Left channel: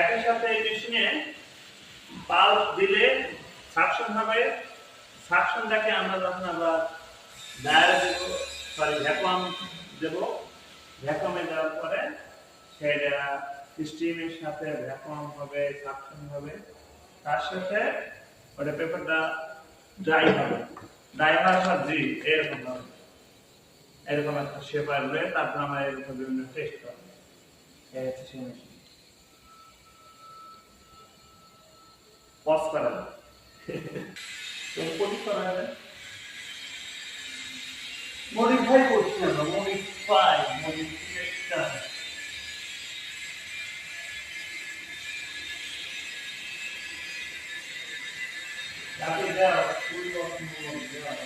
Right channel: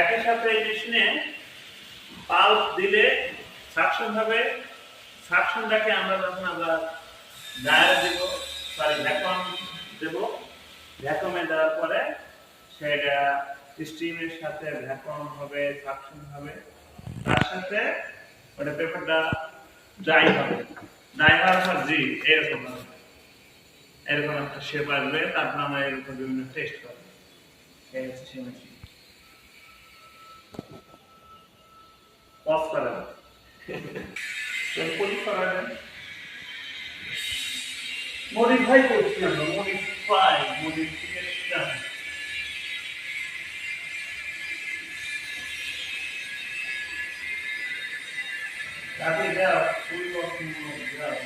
একই সাথে এই মেশিনে পাল্প দিলে সাকশন হবে। সাকশনটাকে আমরা যখন আবার ডায়ার দেব, সরি ভ্যাকুয়াম দেব, ভ্যাকুয়ামে দেওয়ার পরে সেটা স্টিমের সাথে ভ্যাকুয়াম হবে, সাকশন হবে, তার সাথে ওটা পেপারটা ড্রাই হবে। ড্রাই হওয়ার পর জি এরকম হবে, এরকম একটা শেপ আসবে। তারপর আমরা এর উপর বিভিন্ন টেস্ট করবো। এই হচ্ছে সেই মেশিন। পজ করা যায়, করা যায়, মডিফাই করছি আমরা, মডিফিকেশন। তাতে দাও ফুল অফ দাও।